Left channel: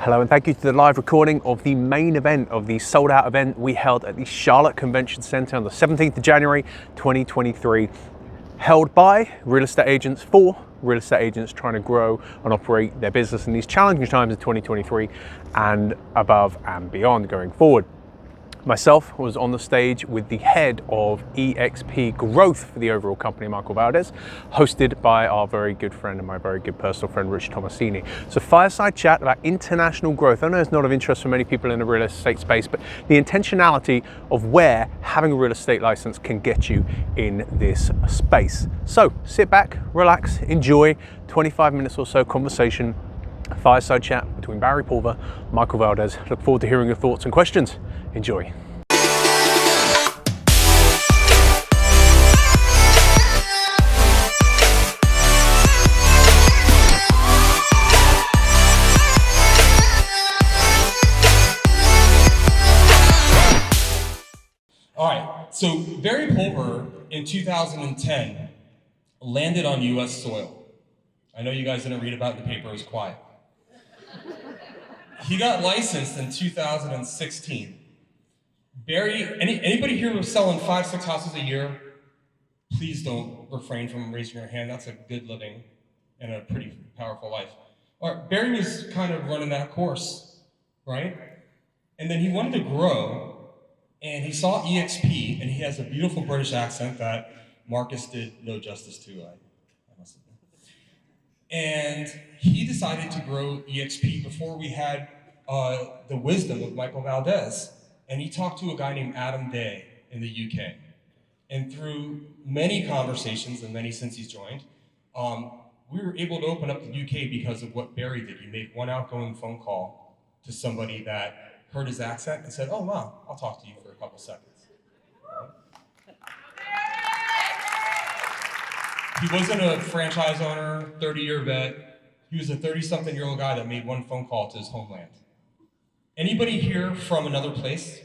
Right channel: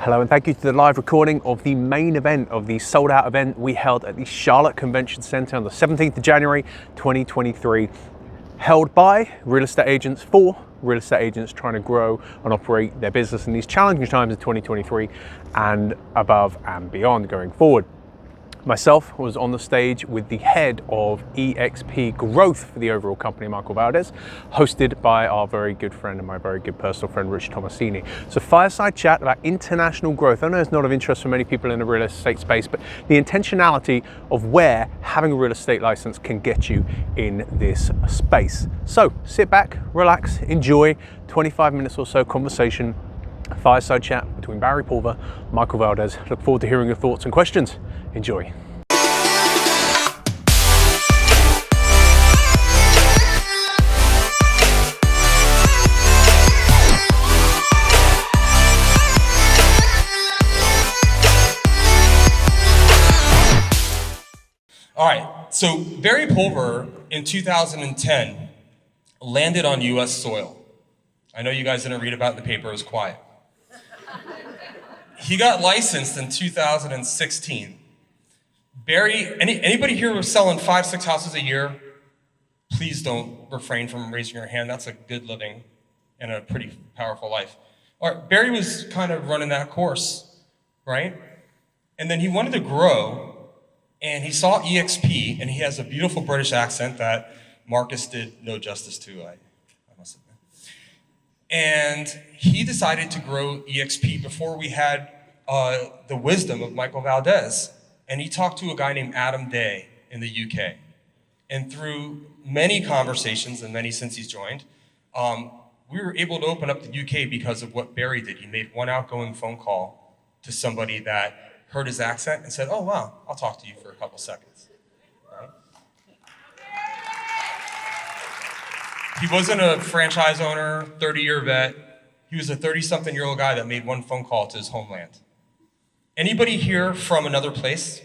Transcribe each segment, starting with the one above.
Hello and thank you to the live recording of the main event of the sold out event we held at the Charlotte Convention Center on the 17th of January 2023, held by real estate agents for real estate agents trying to grow and operate their business in these challenging times of 2023 and above and beyond going forward. Myself was on the stage with the head of EXP Growth for the overall company, Michael Valdes, hosted by our very good friend and my very good personal friend, Rich Tomasini. So fireside chat about international growth. I know it's not of interest for many people in the real estate space, but the intentionality of where having a real estate license can get you in this space. So sit back, relax, enjoy 25 minutes or so conversation, fireside chat between Barry Pulver, Michael Valdes. Look forward to hearing your thoughts and questions. Enjoy. All right, so Barry Pulver in 2010 landed on US soil. I know you guys didn't read about it in the paper, it was quiet. He got licensed in 2016. Barry, anybody here who's selling 5-6 houses a year? Please don't refrain from raising your hand. That's a good living and a pretty powerful life. All right, Barry was kind of running that course, right? And then he wanted to grow, and he saw EXP, and he has a beautiful British accent that Marcus did no justice to, I must admit. And he decided to grow EXP before we had the wisdom of Michael Valdes. And he talked to a guy named Adam Day in the UK. And through many conversations, and many since he's joined, we were able to open up the UK because of what Barry did. He made one outgoing phone call to somebody that heard his accent and said, "Oh, wow, I'll talk to you for a couple seconds." Right? He wasn't a franchise owner, 30-year vet. He was a 30-something-year-old guy that made one phone call to his homeland. Anybody here from another place?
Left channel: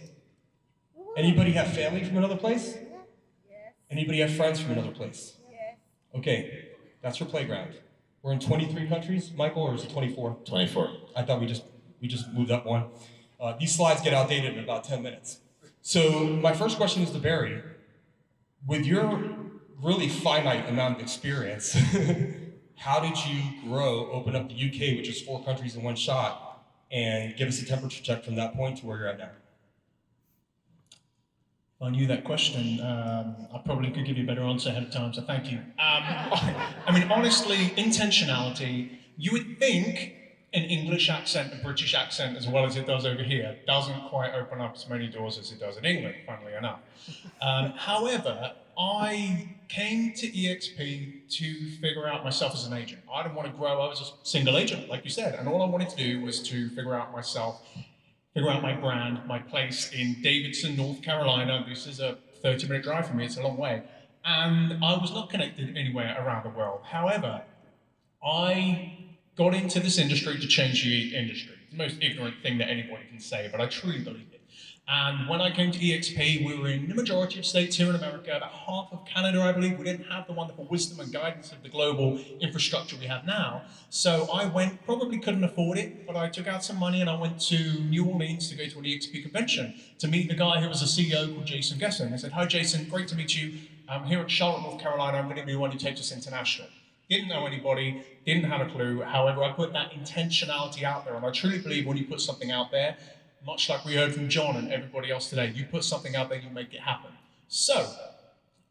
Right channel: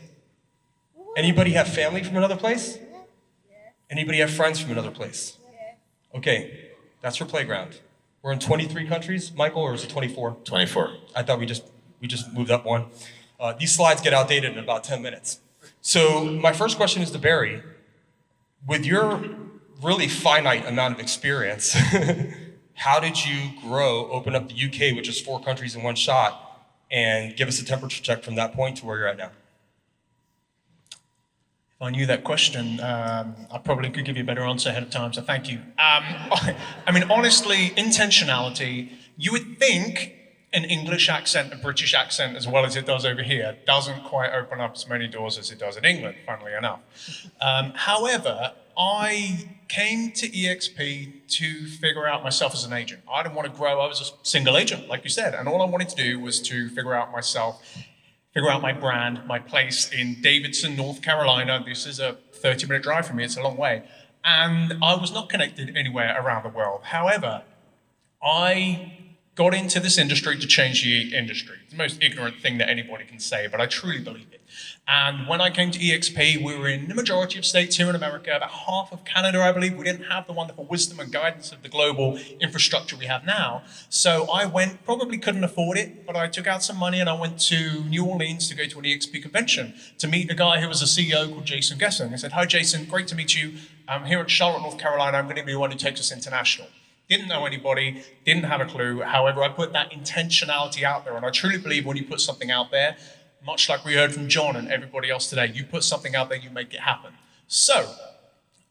Anybody have family from another place? Anybody have friends from another place? Okay, that's your playground. We're in 23 countries, Michael, or is it 24? 24. I thought we just moved up one. These slides get outdated in about 10 minutes. So my first question is to Barry. With your really finite amount of experience, how did you grow, open up the UK, which is 4 countries in one shot, and give us a temperature check from that point to where you're at now? If I knew that question, I probably could give you a better answer ahead of time, so thank you. I mean, honestly, intentionality, you would think an English accent, a British accent, as well as it does over here, doesn't quite open up as many doors as it does in England, funnily enough. However, I came to EXP to figure out myself as an agent. I didn't want to grow, I was a single agent, like you said, and all I wanted to do was to figure out myself, figure out my brand, my place in Davidson, North Carolina. This is a 30-minute drive from me, it's a long way. And I was not connected anywhere around the world. However, I got into this industry to change the industry. It's the most ignorant thing that anybody can say, but I truly believe it. And when I came to EXP, we were in the majority of states here in America, about half of Canada, I believe. We didn't have the wonderful wisdom and guidance of the global infrastructure we have now. So I went, probably couldn't afford it, but I took out some money and I went to New Orleans to go to an EXP convention to meet a guy who was a CEO called Jason Gesson. I said, "Hi, Jason, great to meet you. I'm here at Charlotte, North Carolina. I'm going to be the one who takes us international." Didn't know anybody, didn't have a clue. However, I put that intentionality out there, and I truly believe when you put something out there, much like we heard from John and everybody else today, you put something out there, you make it happen. So,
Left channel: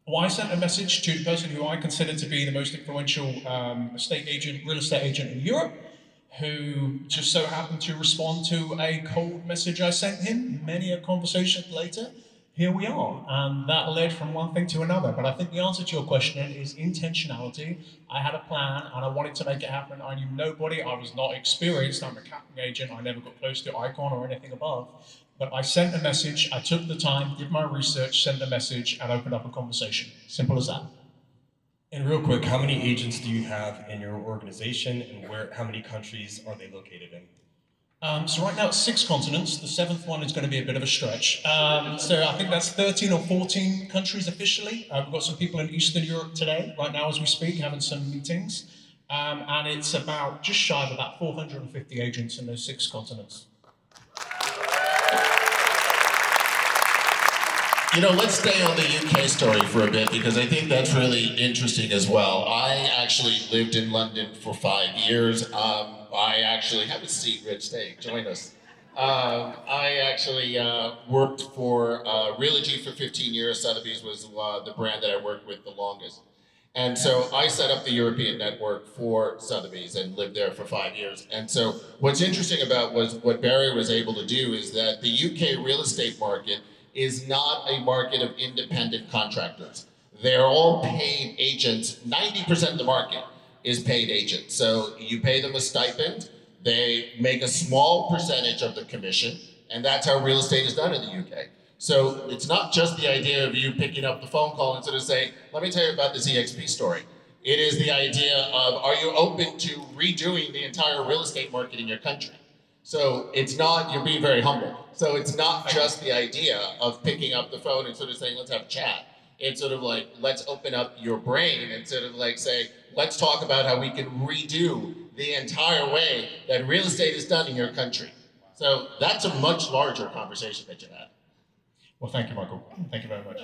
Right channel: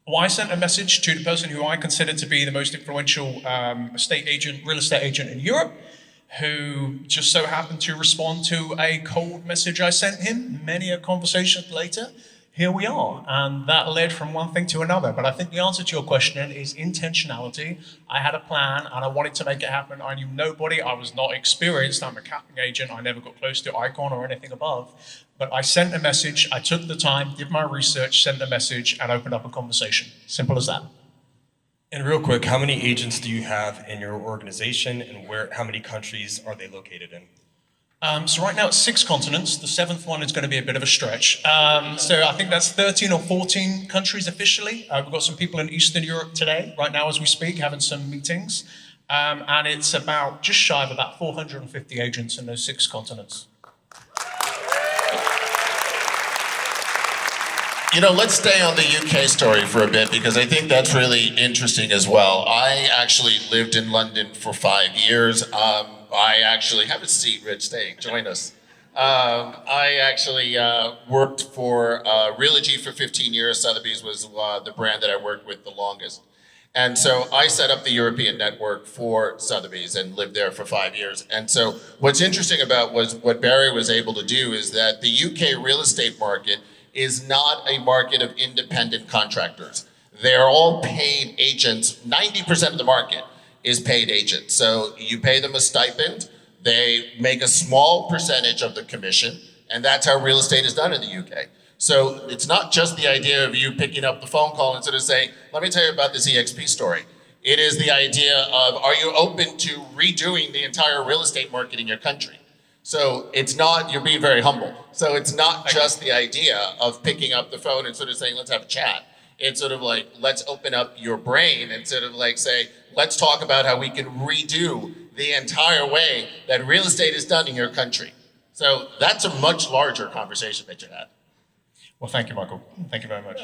I sent a message to the person who I consider to be the most influential real estate agent in Europe, who just so happened to respond to a cold message I sent him. Many a conversation later, here we are, and that led from one thing to another. But I think the answer to your question is intentionality. I had a plan, and I wanted to make it happen. I knew nobody. I was not experienced. I'm a capping agent. I never got close to Icon or anything above. But I sent a message. I took the time, did my research, sent a message, and opened up a conversation. Simple as that. And real quick, how many agents do you have in your organization, and how many countries are they located in? So right now it's 6 continents. The 7th one is going to be a bit of a stretch. So I think that's 13 or 14 countries officially. We've got some people in Eastern Europe today, right now as we speak, having some meetings. And it's about just shy of about 450 agents in those 6 continents. You know, let's stay on the UK story for a bit because I think that's really interesting as well. I actually lived in London for 5 years. I actually have a seat, Rich. Stay, join us. I actually worked for Realogy for 15 years. Sotheby's was the brand that I worked with the longest. And so I set up the European network for Sotheby's and lived there for 5 years. And so what's interesting about what Barry was able to do is that the UK real estate market is not a market of independent contractors. They're all paid agents. 90% of the market is paid agents. So you pay them a stipend, they make a small percentage of the commission, and that's how real estate is done in the UK. So it's not just the idea of you picking up the phone call and sort of saying, let me tell you about this EXP story. It is the idea of, are you open to redoing the entire real estate market in your country? So it's not, you're being very humble. So it's not just the idea of picking up the phone and sort of saying, let's have a chat. It's sort of like, let's open up your brain and sort of like say, let's talk about how we can redo the entire way that real estate is done in your country. So that's a much larger conversation that you had. Well, thank you, Michael. Thank you very much.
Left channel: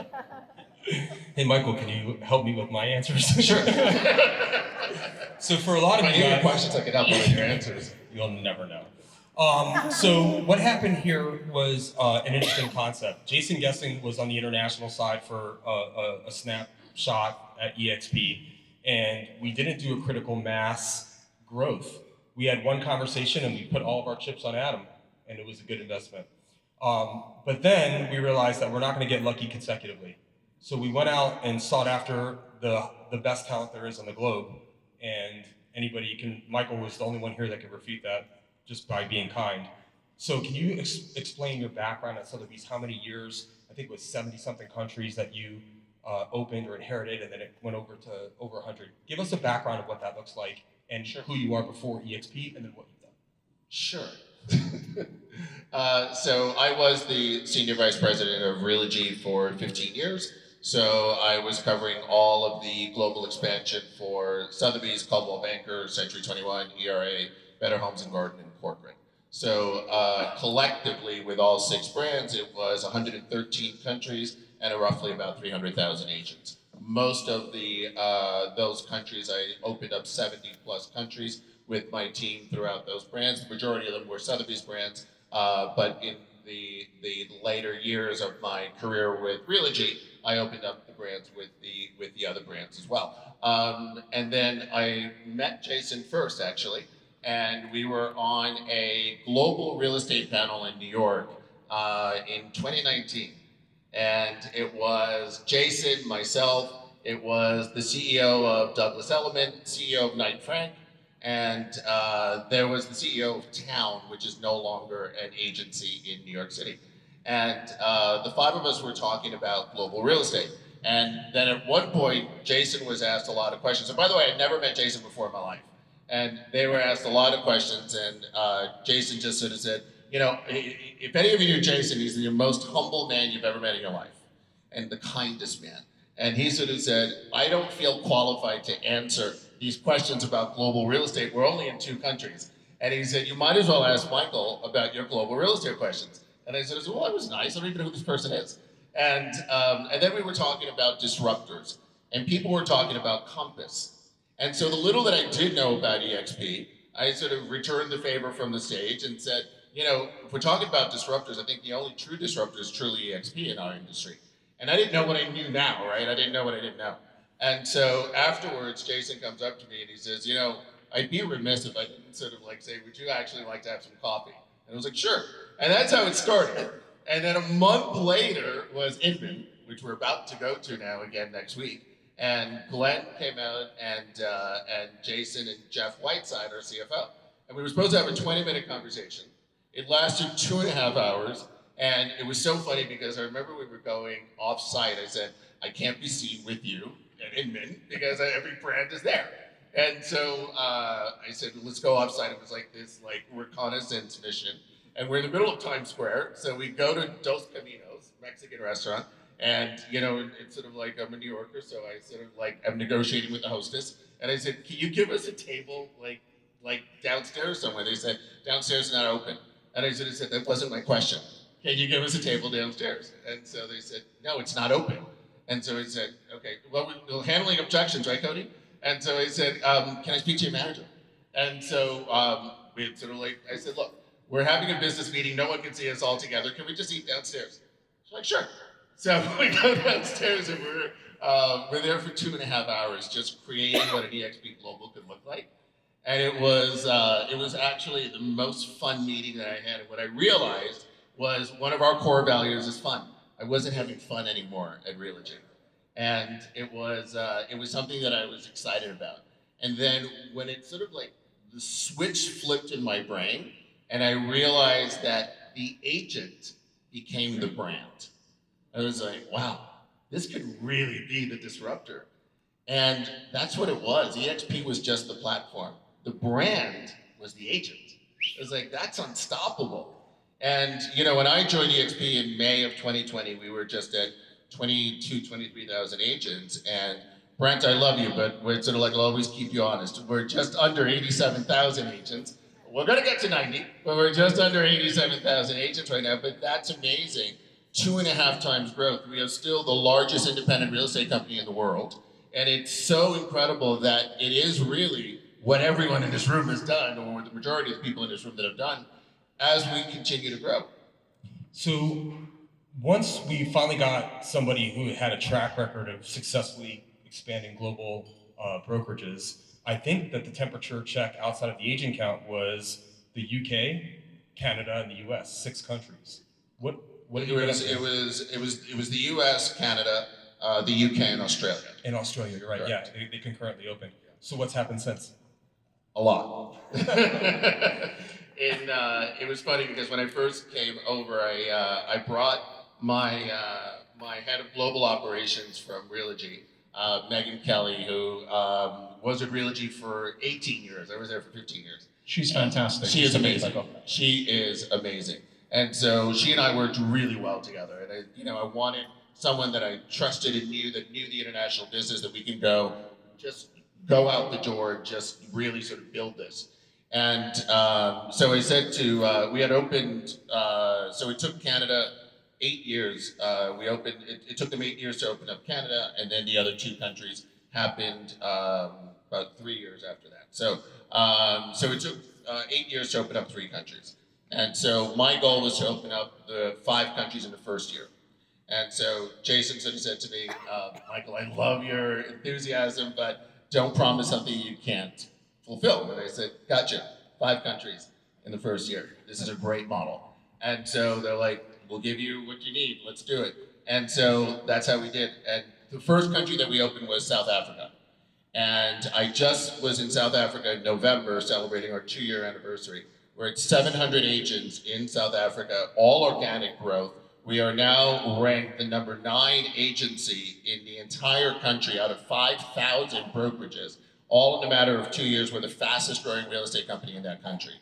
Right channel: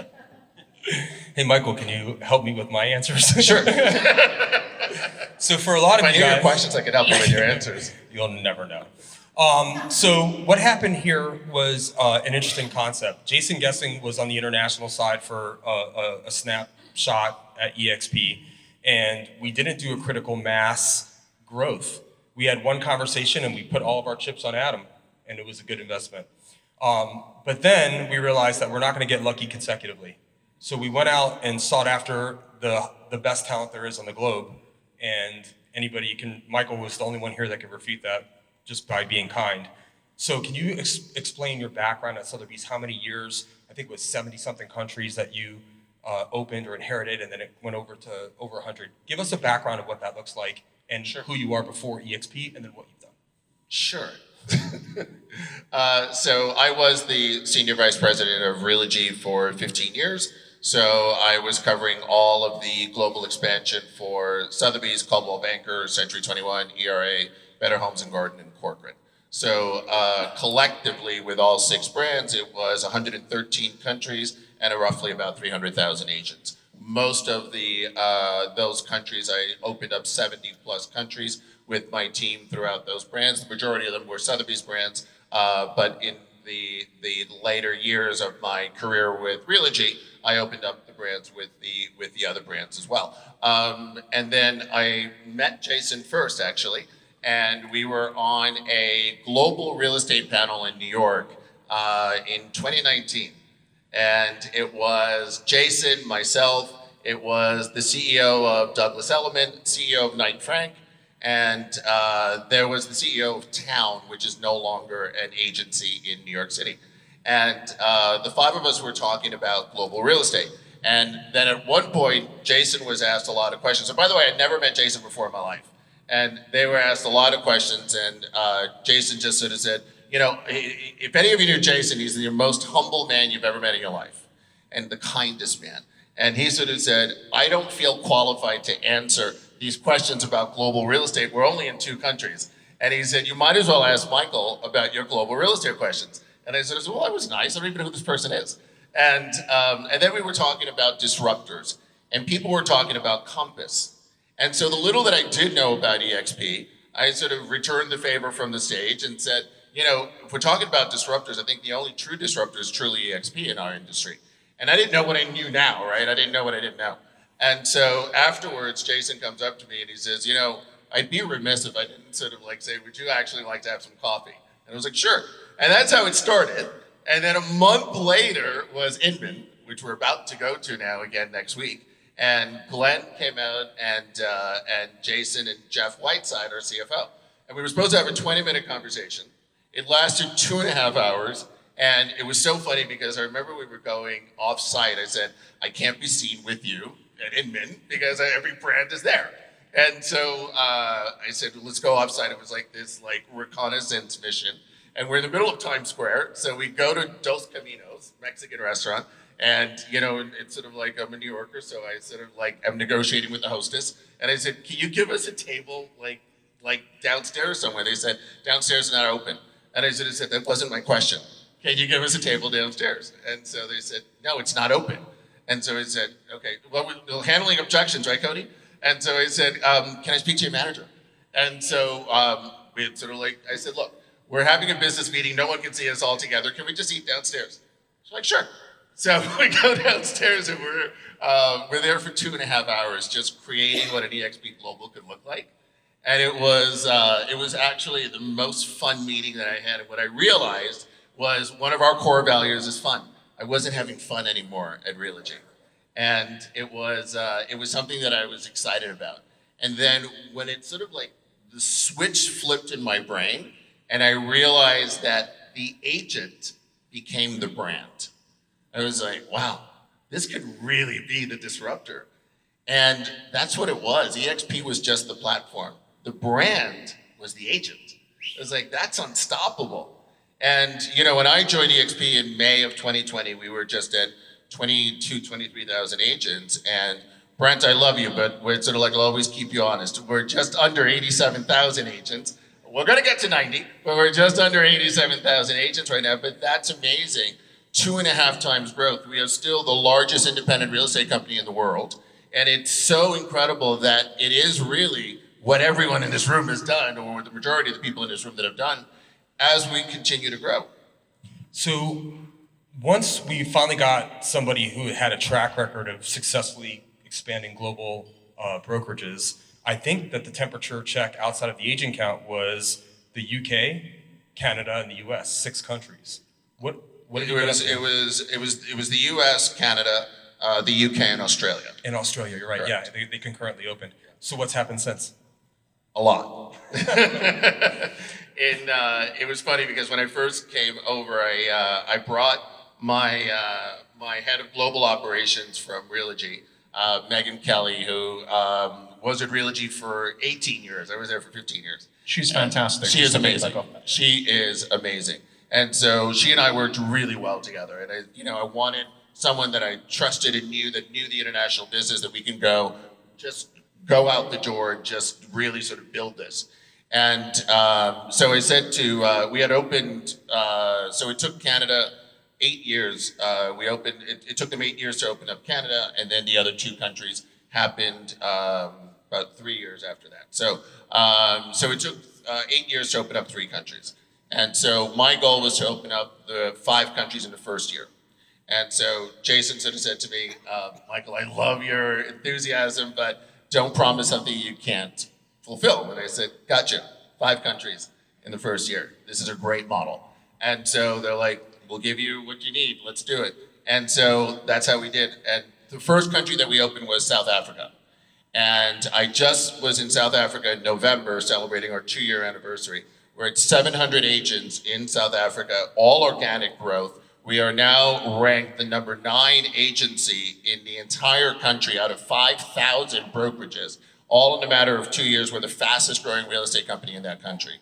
Hey, Michael, can you help me with my answers? Sure. So for a lot of If I you knew your guys, questions, I could help you with your answers. you'll never know. So what happened here was an interesting concept. Jason Guessing was on the international side for a snapshot at EXP, and we didn't do a critical mass growth. We had one conversation and we put all of our chips on Adam, and it was a good investment. But then we realized that we're not going to get lucky consecutively. So we went out and sought after the best talent there is on the globe, and anybody can, Michael was the only one here that could refute that just by being kind. So can you explain your background at Sotheby's, how many years, I think it was 70-something countries that you opened or inherited, and then it went over to over 100. Give us a background of what that looks like and who you are before EXP and then what you've done. Sure. So I was the senior vice president of Realogy for 15 years. So I was covering all of the global expansion for Sotheby's, Coldwell Banker, Century 21, ERA, Better Homes and Garden, and Corcoran. So collectively, with all 6 brands, it was 113 countries and roughly about 300,000 agents. Most of those countries, I opened up 70 plus countries with my team throughout those brands. The majority of them were Sotheby's brands, but in the later years of my career with Realogy, I opened up the brands with the other brands as well. And then I met Jason first, actually, and we were on a global real estate panel in New York in 2019. And it was Jason, myself, it was the CEO of Douglas Elliman, CEO of Knight Frank, and there was the CEO of Town, which is no longer an agency in New York City. And the 5 of us were talking about global real estate. And then at one point, Jason was asked a lot of questions. And by the way, I'd never met Jason before in my life. And they were asked a lot of questions, and Jason just sort of said, you know, if any of you knew Jason, he's the most humble man you've ever met in your life, and the kindest man. And he sort of said, I don't feel qualified to answer these questions about global real estate. We're only in 2 countries. And he said, you might as well ask Michael about your global real estate questions. And I said, well, that was nice. I don't even know who this person is. And then we were talking about disruptors, and people were talking about Compass. And so the little that I did know about EXP, I sort of returned the favor from the stage and said, you know, if we're talking about disruptors, I think the only true disruptor is truly EXP in our industry. And I didn't know what I knew now, right? I didn't know what I didn't know. And so afterwards, Jason comes up to me and he says, you know, I'd be remiss if I didn't sort of like say, would you actually like to have some coffee? And I was like, sure. And that's how it started. And then a month later was Inman, which we're about to go to now again next week. And Glenn came out and Jason and Jeff Whiteside, our CFO. And we were supposed to have a 20-minute conversation. It lasted 2.5 hours. And it was so funny because I remember we were going off-site. I said, I can't be seen with you at Inman because every brand is there. And so I said, let's go off-site. It was like this reconnaissance mission. And we're in the middle of Times Square. So we go to Dos Caminos, Mexican restaurant. And, you know, it's sort of like I'm a New Yorker, so I sort of like I'm negotiating with the hostess. And I said, can you give us a table like downstairs somewhere? They said, downstairs is not open. And I sort of said, that wasn't my question. Can you give us a table downstairs? And so they said, no, it's not open. And so I said, okay, well, we're handling objections, right, Cody? And so I said, can I speak to your manager? And so we had sort of like, I said, look, we're having a business meeting. No one can see us all together. Can we just eat downstairs? She's like, sure. So we go downstairs and we're there for 2.5 hours just creating what an EXP Global could look like. And it was actually the most fun meeting that I had. And what I realized was one of our core values is fun. I wasn't having fun anymore at Realogy. And it was something that I was excited about. And then when it sort of like the switch flipped in my brain and I realized that the agent became the brand. I was like, wow, this could really be the disruptor. And that's what it was. EXP was just the platform. The brand was the agent. It was like, that's unstoppable. And, you know, when I joined EXP in May of 2020, we were just at 23,000 agents. And Brent, I love you, but we're sort of like, I'll always keep you honest. We're just under 87,000 agents. We're gonna get to 90, but we're just under 87,000 agents right now, but that's amazing. 2.5 times growth. We are still the largest independent real estate company in the world. And it's so incredible that it is really what everyone in this room has done, or the majority of the people in this room that have done, as we continue to grow. So once we finally got somebody who had a track record of successfully expanding global brokerages, I think that the temperature check outside of the agent count was the UK, Canada, and the US, 6 countries. What did you guys do? It was the US, Canada, the UK, and Australia. In Australia, you're right. Correct. Yeah, they concurrently opened. So what's happened since? A lot. It was funny because when I first came over, I brought my head of global operations from Realogy, Megan Kelly, who was at Realogy for 18 years. I was there for 15 years. She's fantastic. She is amazing. She is amazing. And so she and I worked really well together. And I wanted someone that I trusted and knew the international business, that we can just go out the door and just really sort of build this. And so I said we had opened, so it took Canada 8 years. It took them 8 years to open up Canada, and then the other 2 countries happened about 3 years after that. So it took 8 years to open up 3 countries. And so my goal was to open up the 5 countries in the first year. And so Jason sort of said to me, Michael, I love your enthusiasm, but don't promise something you can't fulfill. And I said, gotcha, 5 countries in the first year. This is a great model. And so they're like, we'll give you what you need, let's do it. And so that's how we did. And the first country that we opened was South Africa. And I just was in South Africa in November celebrating our 2-year anniversary. We're at 700 agents in South Africa, all organic growth. We are now ranked the number 9 agency in the entire country out of 5,000 brokerages. All in a matter of 2 years, we're the fastest growing real estate company in that country.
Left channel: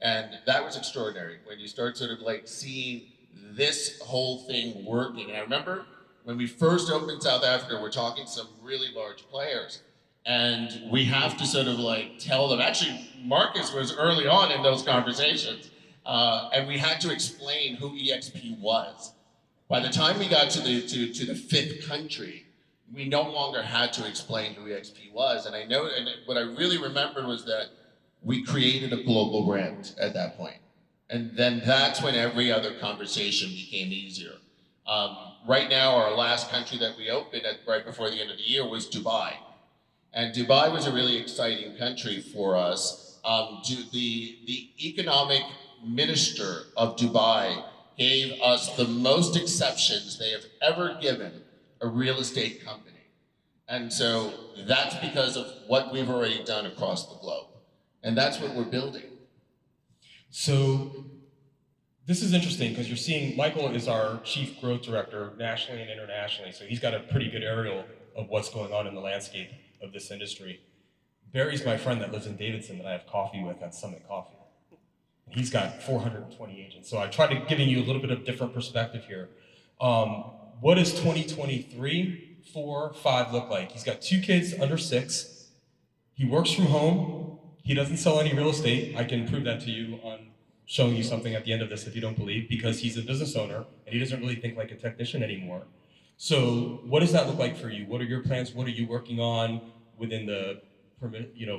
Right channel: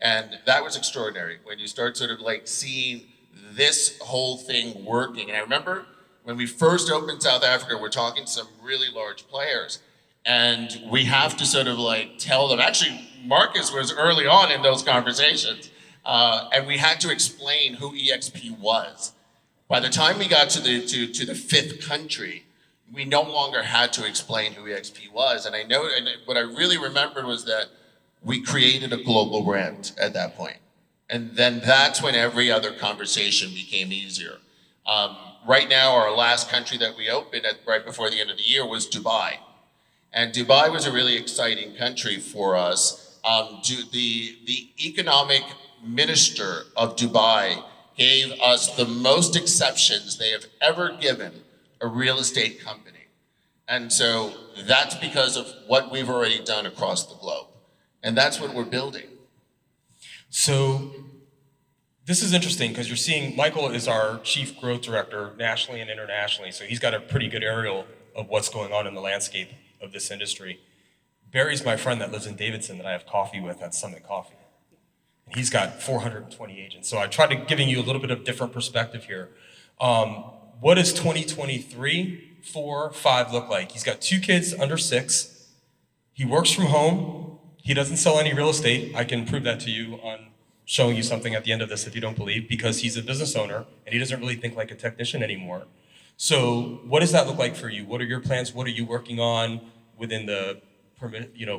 And that was extraordinary when you start sort of like seeing this whole thing working. And I remember when we first opened South Africa, we're talking to some really large players. And we have to sort of like tell them, actually Marcus was early on in those conversations, and we had to explain who EXP was. By the time we got to the 5th country, we no longer had to explain who EXP was. And what I really remembered was that we created a global brand at that point. And then that's when every other conversation became easier. Right now, our last country that we opened right before the end of the year was Dubai. And Dubai was a really exciting country for us. The economic minister of Dubai gave us the most exceptions they have ever given a real estate company. And so that's because of what we've already done across the globe. And that's what we're building. So this is interesting because you're seeing Michael is our chief growth director nationally and internationally. So he's got a pretty good aerial of what's going on in the landscape of this industry. Barry's my friend that lives in Davidson that I have coffee with at Summit Coffee. And he's got 420 agents. So I tried to giving you a little bit of different perspective here. what does 2023, 4, 5 look like? He's got 2 kids under 6. He works from home. He doesn't sell any real estate. I can prove that to you on showing you something at the end of this if you don't believe, because he's a business owner and he doesn't really think like a technician anymore. So what does that look like for you? What are your plans? What are you working on within the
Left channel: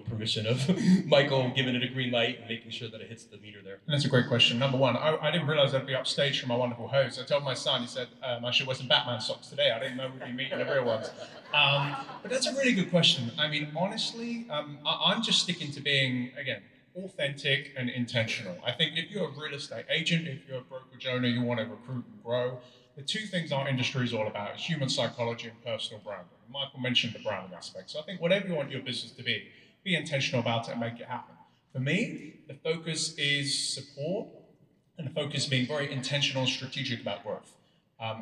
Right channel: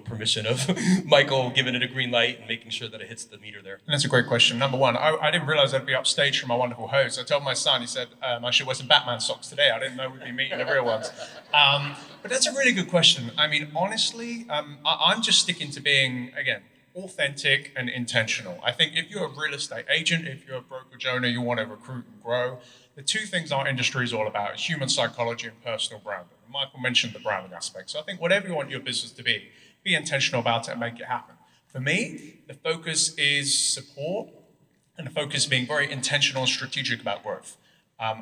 permission of Michael giving it a green light and making sure that it hits the meter there? And that's a great question. Number one, I didn't realize I'd be upstage from my wonderful host. I told my son, he said, I should wear some Batman socks today. I didn't know we'd be meeting the real ones. But that's a really good question. I mean, honestly, I'm just sticking to being, again, authentic and intentional. I think if you're a real estate agent, if you're a brokerage owner, you want to recruit and grow, the 2 things our industry is all about is human psychology and personal branding. Michael mentioned the branding aspect. So I think whatever you want your business to be intentional about it and make it happen. For me, the focus is support, and the focus being very intentional and strategic about growth.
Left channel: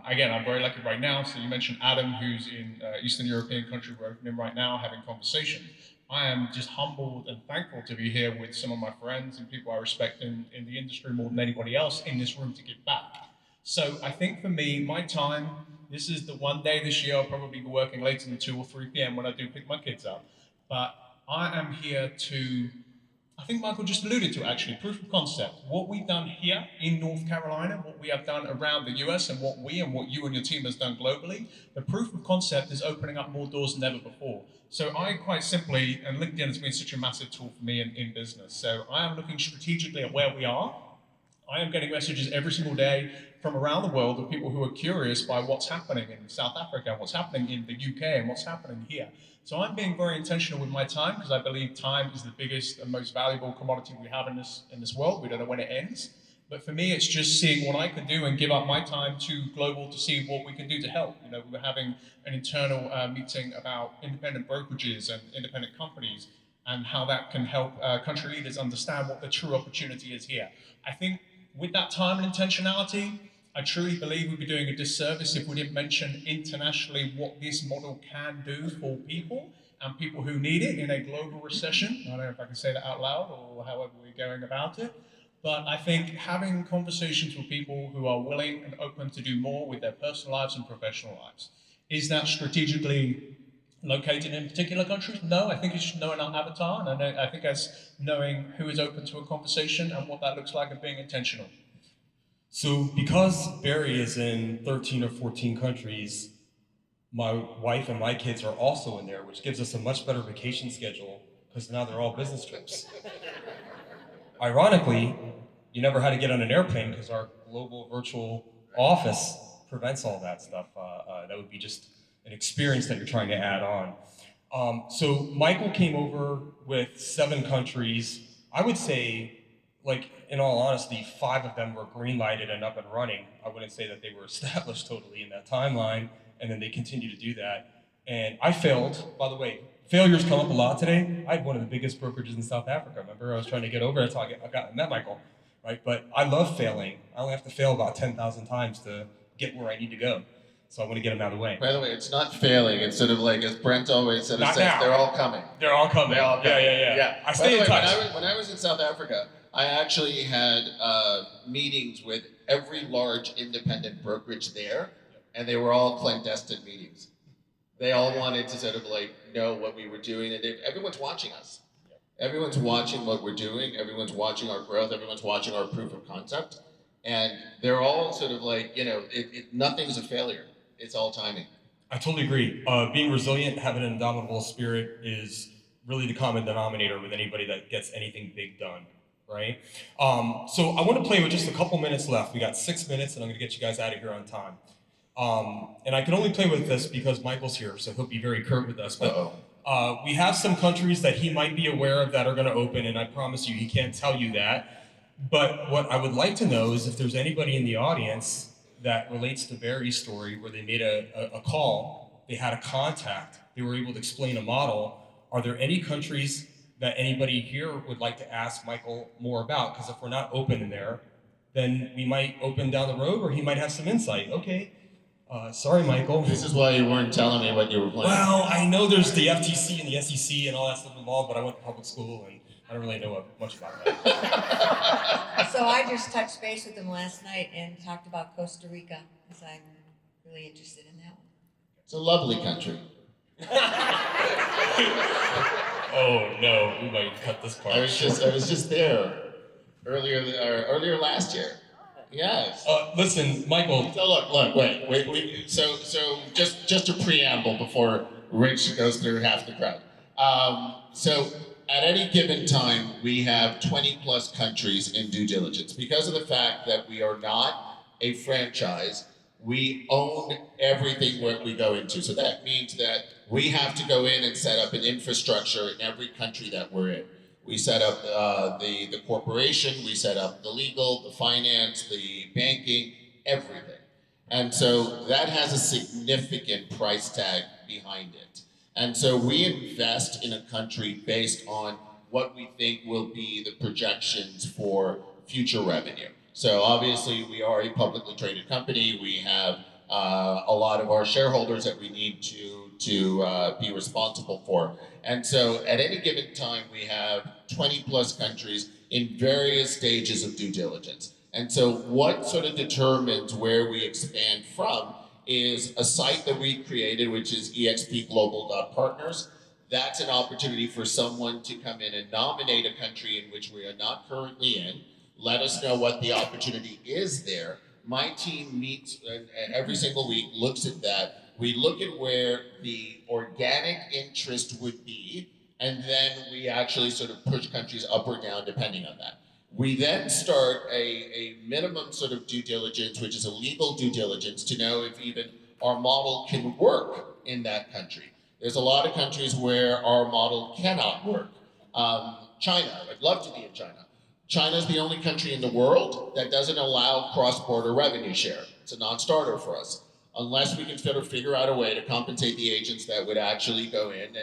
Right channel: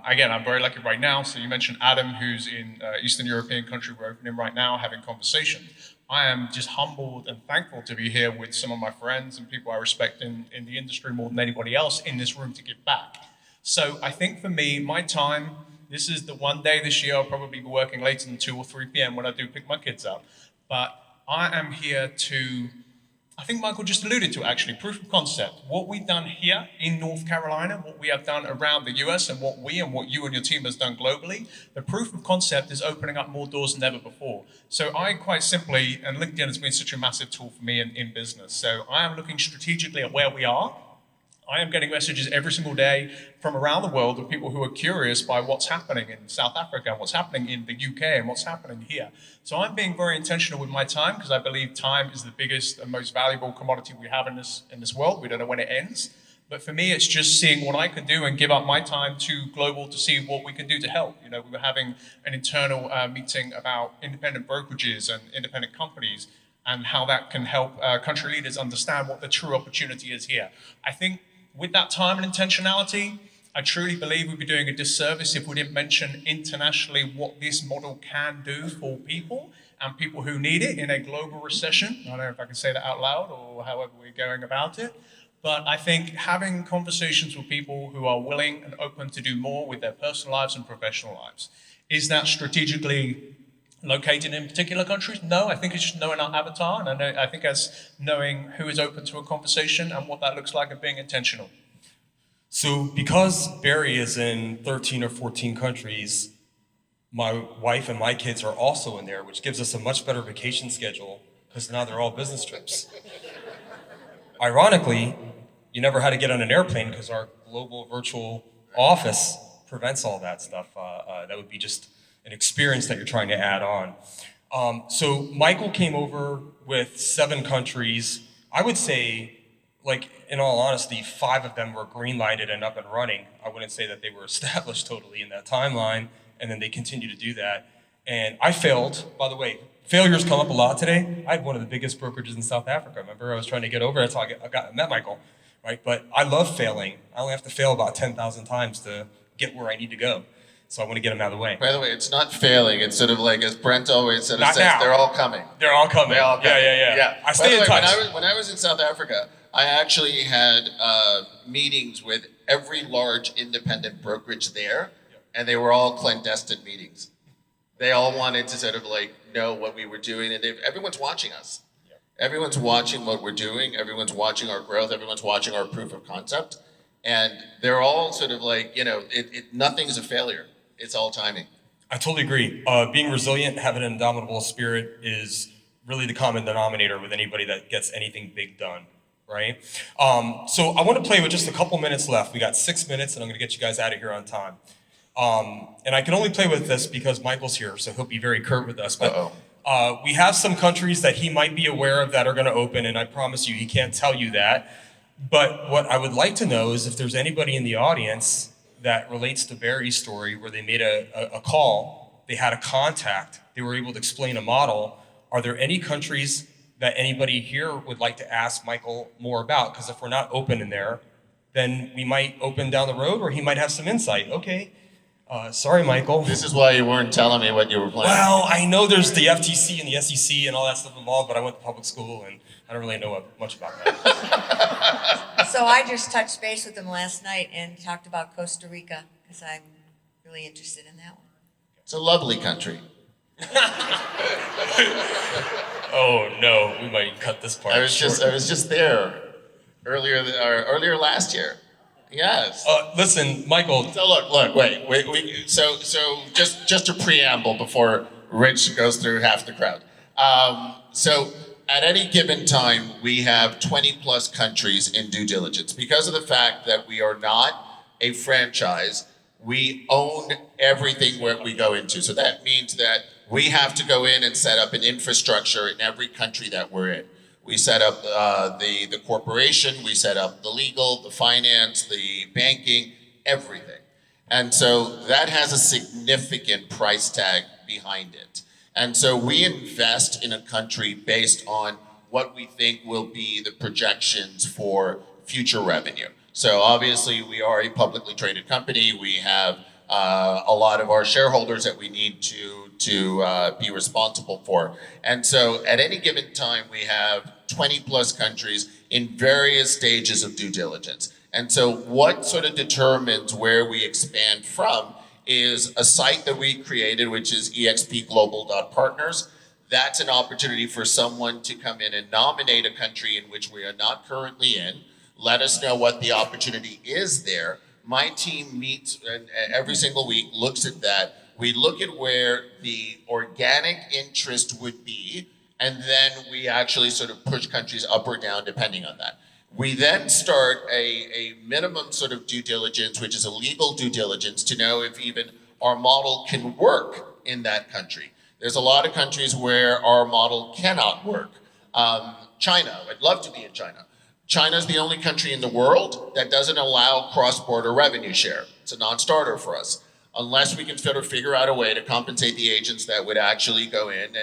Again, I'm very lucky right now. So you mentioned Adam, who's in Eastern European country we're opening right now, having conversation. I am just humbled and thankful to be here with some of my friends and people I respect in the industry more than anybody else in this room to give back. So I think for me, my time, this is the one day this year I'll probably be working later than 2 or 3 p.m. when I do pick my kids up. But I am here to, I think Michael just alluded to actually, proof of concept. What we've done here in North Carolina, what we have done around the US, and what you and your team has done globally, the proof of concept is opening up more doors than ever before. So I quite simply, and LinkedIn has been such a massive tool for me in business. So I am looking strategically at where we are. I am getting messages every single day from around the world of people who are curious by what's happening in South Africa, and what's happening in the UK, and what's happening here. So I'm being very intentional with my time, because I believe time is the biggest and most valuable commodity we have in this world. We don't know when it ends. But for me, it's just seeing what I can do and give up my time to global to see what we can do to help. You know, we were having an internal meeting about independent brokerages and independent companies and how that can help country leaders understand what the true opportunity is here. I think with that time and intentionality, I truly believe we'd be doing a disservice if we didn't mention internationally what this model can do for people and people who need it in a global recession. I don't know if I can say that out loud or however we're going about it. But I think having conversations with people who are willing and open to do more with their personal lives and professional lives. Is that strategically located in particular countries? No, I think it's just knowing our avatar. And I think it's knowing who is open to a conversation and what that looks like and being intentional. So because Barry is in 13 or 14 countries, my wife and my kids are also in there, which gives us a much better vacation schedule because now they're all business trips. Ironically, you never had to get on an airplane because our global virtual office prevents all that stuff. That would be just an experience that you're trying to add on. So Michael came over with 7 countries. I would say, like, in all honesty, 5 of them were green lighted and up and running. I wouldn't say that they were established totally in that timeline, and then they continue to do that. And I failed, by the way. Failures come up a lot today. I had one of the biggest brokerages in South Africa. Remember, I was trying to get over. That's how I met Michael, right? But I love failing. I only have to fail about 10,000 times to get where I need to go. So I want to get them out of the way. By the way, it's not failing. It's sort of like, as Brent always said, Not now. they're all coming. They're all coming. They're all coming. Yeah. I By stay the in way, touch. when I was in South Africa, I actually had meetings with every large independent brokerage there, and they were all clandestine meetings. They all wanted to sort of like know what we were doing, and everyone's watching us. Everyone's watching what we're doing. Everyone's watching our growth. Everyone's watching our proof of concept, and they're all sort of like, nothing's a failure. It's all timing. I totally agree. Being resilient, having an indomitable spirit is really the common denominator with anybody that gets anything big done, right? So I want to play with just a couple minutes left. We got 6 minutes, and I'm going to get you guys out of here on time. And I can only play with this because Michael's here, so he'll be very curt with us. But we have some countries that he might be aware of that are going to open, and I promise you, he can't tell you that. But what I would like to know is if there's anybody in the audience that relates to Barry's story where they made a call, they had a contact, they were able to explain a model. Are there any countries that anybody here would like to ask Michael more about? Because if we're not open in there, then we might open down the road, or he might have some insight. Okay. Sorry, Michael. This is why you weren't telling me what you were planning. Well, I know there's the FTC and the SEC and all that stuff involved, but I went to public school and I don't really know much about that. So I just touched base with him last night and talked about Costa Rica because I'm really interested in that one. It's a lovely country. Oh no, we might cut this part. I was just there earlier last year. Yes. Listen, Michael. So look, wait. So just a preamble before Rich goes through half the crowd. So at any given time, we have 20 plus countries in due diligence. Because of the fact that we are not a franchise, we own everything where we go into. So that means that we have to go in and set up an infrastructure in every country that we're in. We set up the corporation, we set up the legal, the finance, the banking, everything. And so that has a significant price tag behind it. And so we invest in a country based on what we think will be the projections for future revenue. So obviously we are a publicly traded company. We have a lot of our shareholders that we need to be responsible for. And so at any given time, we have 20 plus countries in various stages of due diligence. And so what sort of determines where we expand from is a site that we created, which is expglobal.partners. That's an opportunity for someone to come in and nominate a country in which we are not currently in, let us know what the opportunity is there. My team meets every single week, looks at that. We look at where the organic interest would be, and then we actually sort of push countries up or down depending on that. We then start a minimum sort of due diligence, which is a legal due diligence, to know if even our model can work in that country. There's a lot of countries where our model cannot work. China, I'd love to be in China. China's the only country in the world that doesn't allow cross-border revenue share. It's a non-starter for us, unless we can sort of figure out a way to compensate the agents that would actually go in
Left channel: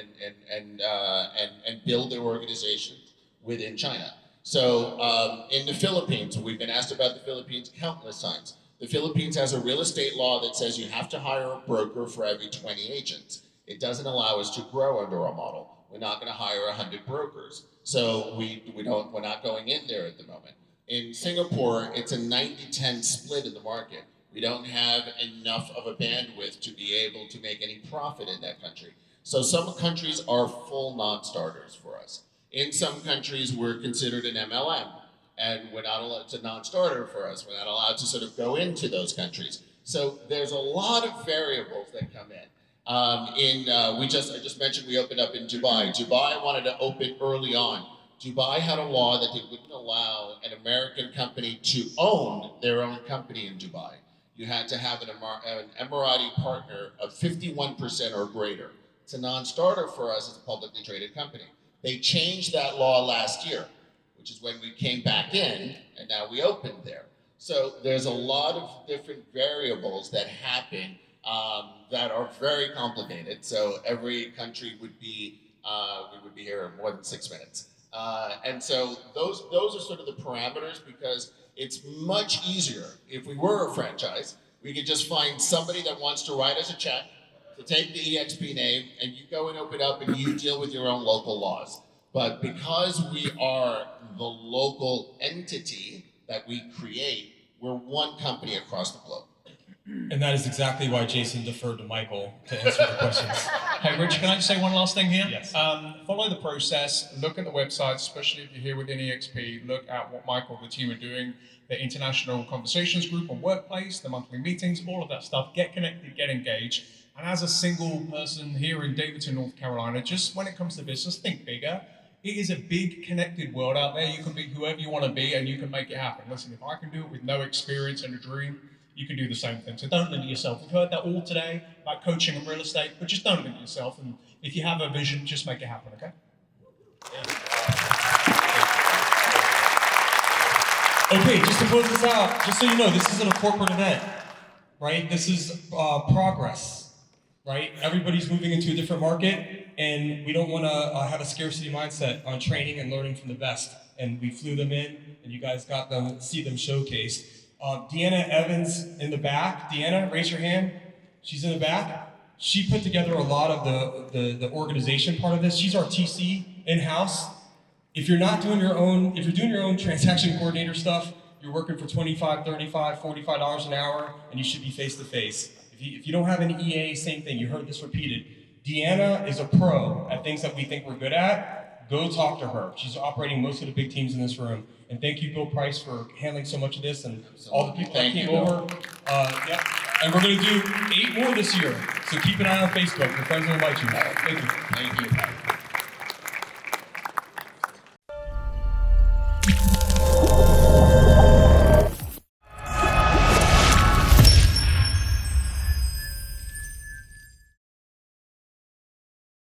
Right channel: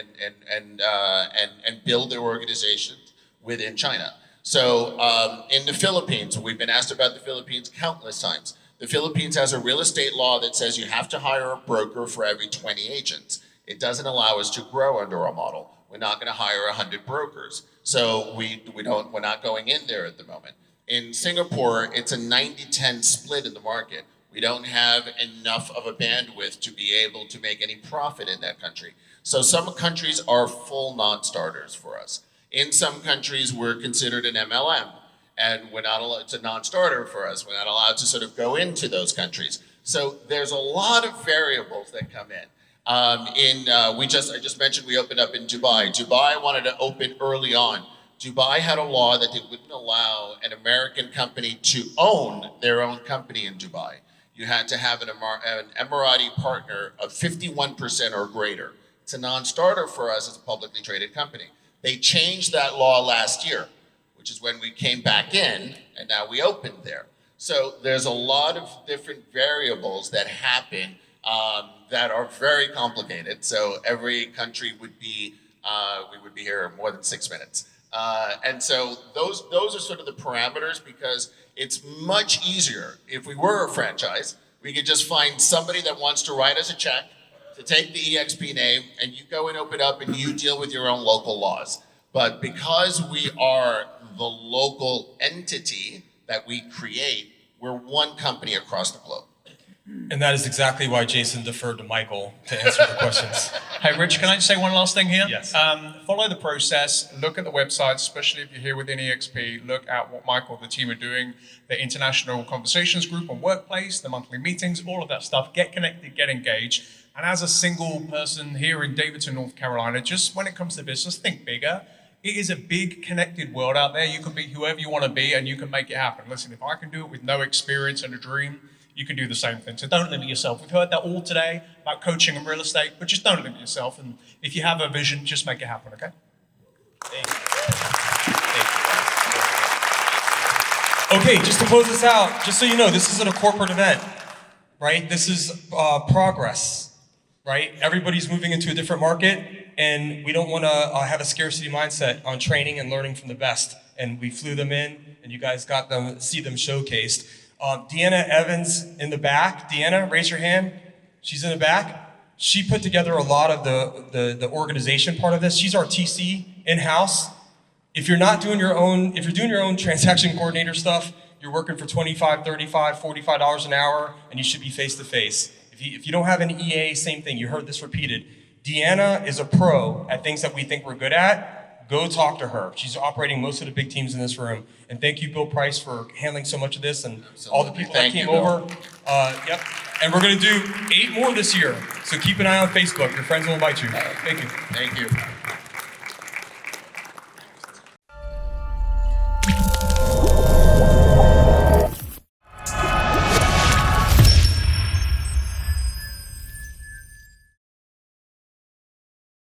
and build their organizations within China. So in the Philippines, we've been asked about the Philippines countless times. The Philippines has a real estate law that says you have to hire a broker for every 20 agents. It doesn't allow us to grow under our model. We're not going to hire 100 brokers. So we're not going in there at the moment. In Singapore, it's a 90-10 split in the market. We don't have enough of a bandwidth to be able to make any profit in that country. So some countries are full non-starters for us. In some countries, we're considered an MLM, and we're not allowed, it's a non-starter for us. We're not allowed to sort of go into those countries. So there's a lot of variables that come in. I just mentioned we opened up in Dubai. Dubai wanted to open early on. Dubai had a law that they wouldn't allow an American company to own their own company in Dubai. You had to have an Emirati partner of 51% or greater. It's a non-starter for us as a publicly traded company. They changed that law last year, which is when we came back in, and now we opened there. So there's a lot of different variables that happen that are very complicated. So every country would be, we would be here more than 6 minutes. And so those are sort of the parameters, because it's much easier. If we were a franchise, we could just find somebody that wants to write us a check to take the EXP name, and you go and open up and you deal with your own local laws. But because we are the local entity that we create, we're one company across the globe. And that is exactly why Jason deferred to Michael to answer the questions. Hey, Rich, can I just say one last thing here? Yes. Follow the process, look at the website, especially if you're here within EXP, look at what Michael and the team are doing, the International Conversations Group on Workplace, the monthly meetings, all of that stuff. Get connected, get engaged. And as a single person here in Davidson, North Carolina, just when it comes to business, think bigger. It is a big connected world out there. You can be whoever you want to be and you can make it happen. Listen, if I can do it with no experience and a dream, you can do the same thing. So don't limit yourself. We've heard that all today about coaching and real estate, but just don't limit yourself. And if you have a vision, just make it happen, okay? Okay, just to close this out, just so you know, this isn't a corporate event, right? This is progress, right? Everybody's moving into a different market, and we don't want to have a scarcity mindset on training and learning from the best. And we flew them in, and you guys got them, see them showcased. Deanna Evans in the back. Deanna, raise your hand. She's in the back. She put together a lot of the organization part of this. She's our TC in-house. If you're not doing your own, if you're doing your own transaction coordinator stuff, you're working for $25, $35, $45 an hour, and you should be face-to-face. If you don't have an EA, same thing. You heard this repeated. Deanna is a pro at things that we think we're good at. Go talk to her. She's operating most of the big teams in this room. And thank you, Bill Price, for handling so much of this and all the people that came over. Yep. And we're going to do 8 more this year. So keep an eye on Facebook. Your friends will invite you. Thank you. Thank you.